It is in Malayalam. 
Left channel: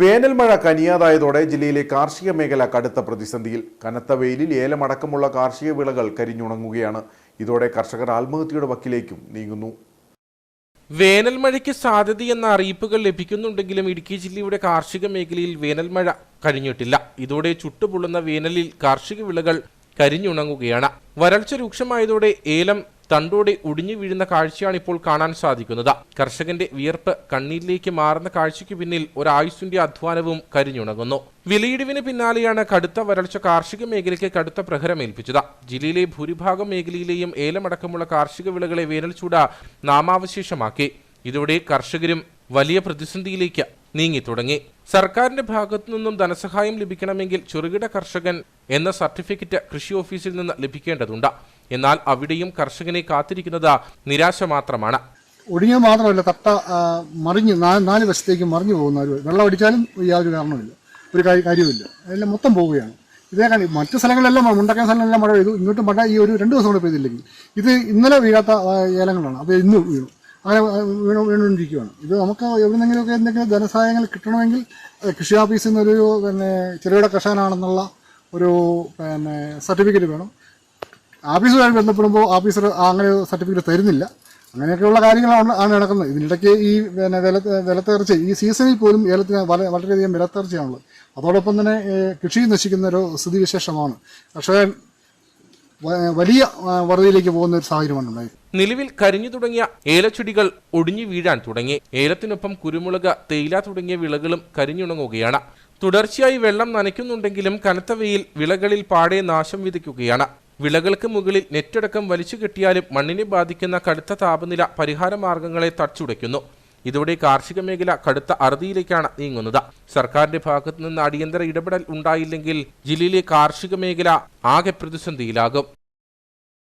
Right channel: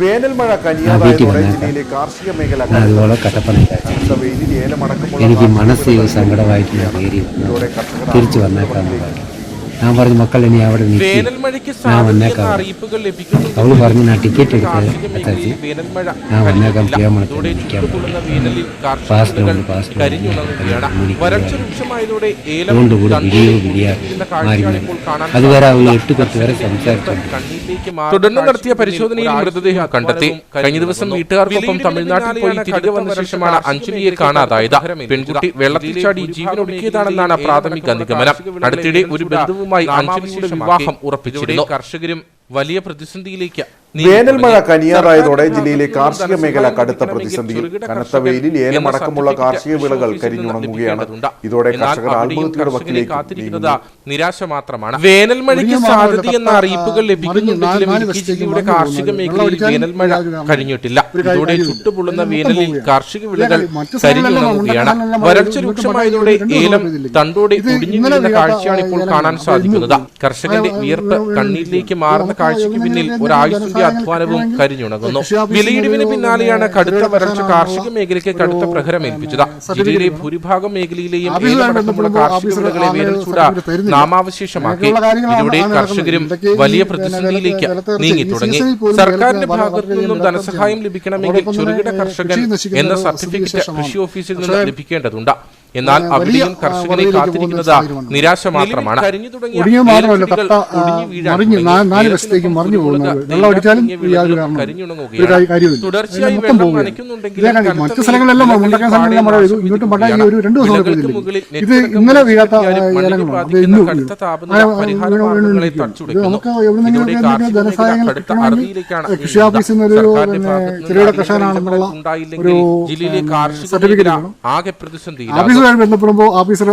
വേനൽ മഴ കനിയാതായതോടെ ജില്ലയിലെ കാർഷിക മേഖല കനത്ത വെയിലിൽ ഏലമടക്കമുള്ള കാർഷിക മനസ്സിൽ ഇതോടെ കർഷകർ ആത്മഹത്യയുടെ വക്കിലേക്ക് ഞാൻ പറഞ്ഞു മക്കൾ ഇനി അവിടെ. വേനൽ മഴയ്ക്ക് സാധ്യതയെന്ന അറിയിപ്പുകൾ ലഭിക്കുന്നുണ്ടെങ്കിലും കാർഷിക മേഖലയിൽ വേനൽ മഴ കഴിഞ്ഞിട്ടില്ല ഇതോടെ. ചുട്ടുപൊള്ളുന്ന വേനലിൽ കാർഷിക വിളകൾ കരിഞ്ഞുണങ്ങുകയാണ്. വരൾച്ച രൂക്ഷമായതോടെ ഏലം തണ്ടോടെ വലിയ വീഴുന്ന കാഴ്ചയാണ് ഇപ്പോൾ കാണാൻ സാധിക്കുന്നത്. കർഷകന്റെ കണ്ണീരിലേക്ക് മാറി തുടർന്ന് നടത്തിയ പരിശോധനയിൽ മൃതദേഹം കണ്ടെത്തി കഴിഞ്ഞ ദിവസം വീട്ടുകാർക്കൊപ്പം തമിഴ്നാട്ടിലാണ് കടുത്ത വരൾച്ച മഴ അഞ്ചു പേര് കാണാതായത്. പെൺകുട്ടി വെള്ളത്തിലെ പ്രാഥമിക നിഗമനം അടുത്തിടെ ഒരു നാമാവശേഷമാക്കി ഇതോടെ കർഷകരും വലിയ പ്രതിസന്ധിയിലേക്ക് വേനൽ മഴ തുടങ്ങി. ജില്ലയിലെ കാർഷിക മേഖല കടുത്ത പ്രതിസന്ധി ഏലമടക്കമുള്ള കാർഷിക വിളകൾ. ലഭിക്കേണ്ടതുണ്ട് എന്നാൽ അവിടെയും കർഷകനെ കാത്തിരിക്കുന്നത് നിരാശ മാത്രമാണ് വേനൽ മഴയ്ക്ക് അറിയിപ്പുകൾ കാർഷിക പോകുന്നത്. മേഖലയിൽ വേനൽ മഴ കഴിഞ്ഞിട്ടില്ല ഒരു കാര്യം- ഇതോടെ ചുട്ടുപൊള്ളുന്ന വേനലിൽ കാർഷിക വിളകൾ രൂക്ഷമായതോടെ ഏലം. തണ്ടോടെ കാഴ്ചയാണ് ഇപ്പോൾ കാണാൻ സാധിക്കുന്നത്. കർഷകന്റെ വിയർപ്പ് കണ്ണീരിലേക്ക് മാറുന്ന കാഴ്ചയ്ക്ക് പിന്നിൽ ഒരാഴ്ച അധ്വാനവും കരിഞ്ഞുണങ്ങുന്നു വിലയിടിവിന് പിന്നാലെയാണ് കടുത്ത ചെറുകിട വരൾച്ച കർഷകനാണെന്നുള്ള കാർഷിക മേഖലയ്ക്ക് ഒരു, കടുത്ത പ്രഹരം ഏൽപ്പിച്ചത് ജില്ലയിലെ. ഭൂരിഭാഗം മേഖലയിലെയും. നാമാവശേഷമാക്കി കർഷകരും വലിയ പ്രതിസന്ധിയിലേക്ക് നീങ്ങി തുടങ്ങി സർക്കാരിന്റെ. ധനസഹായം ലഭിക്കണമെങ്കിൽ ചെറുകിട കർഷകൻ കൃഷി നശിക്കുന്ന എന്ന സർട്ടിഫിക്കറ്റ്. കൃഷി ഓഫീസിൽ ലഭിക്കേണ്ടതുണ്ട് എന്നാൽ നിരാശ മാത്രമാണ്. കരിഞ്ഞു തുടങ്ങിയ ഏലച്ചെടികൾ ഒടിഞ്ഞു വീഴാൻ ഏലത്തിനൊപ്പം കുരുമുളക്. തേയില തുടങ്ങിയ വിളകളും കരിഞ്ഞുണങ്ങുകയാണ്. തുടർച്ചയായി ഇതിന് വെള്ളം നനയ്ക്കുന്നുണ്ടെങ്കിൽ നനയ്ക്കുന്നുണ്ടെങ്കിലും കനത്ത വിളകളിൽ പാടെ നാശം വിധിക്കുകയാണ് ഒരു രണ്ട് ദിവസം വിളകൾക്ക്. മുകളിൽ നെറ്റടക്കം മണ്ണിന് ബാധിക്കുന്ന കടുത്ത താപനില പരിഹാര. മാർഗങ്ങളെ തച്ചുടയ്ക്കുന്നു ഇതോടെ കാർഷിക മേഖല കടുത്ത അറുതിയിലേക്കാണ് നീങ്ങുന്നത്. ഒരു, സർക്കാരിന്റെ ഭാഗത്ത് നിന്ന് അടിയന്തര ഇടപെടൽ ഉണ്ടായില്ലെങ്കിൽ ജില്ലയിലെ കാർഷിക മേഖല. ആകെ പ്രതിസന്ധിയിലാകും ഓഫീസുമായി ബന്ധപ്പെടുമ്പോൾ ഓഫീസർ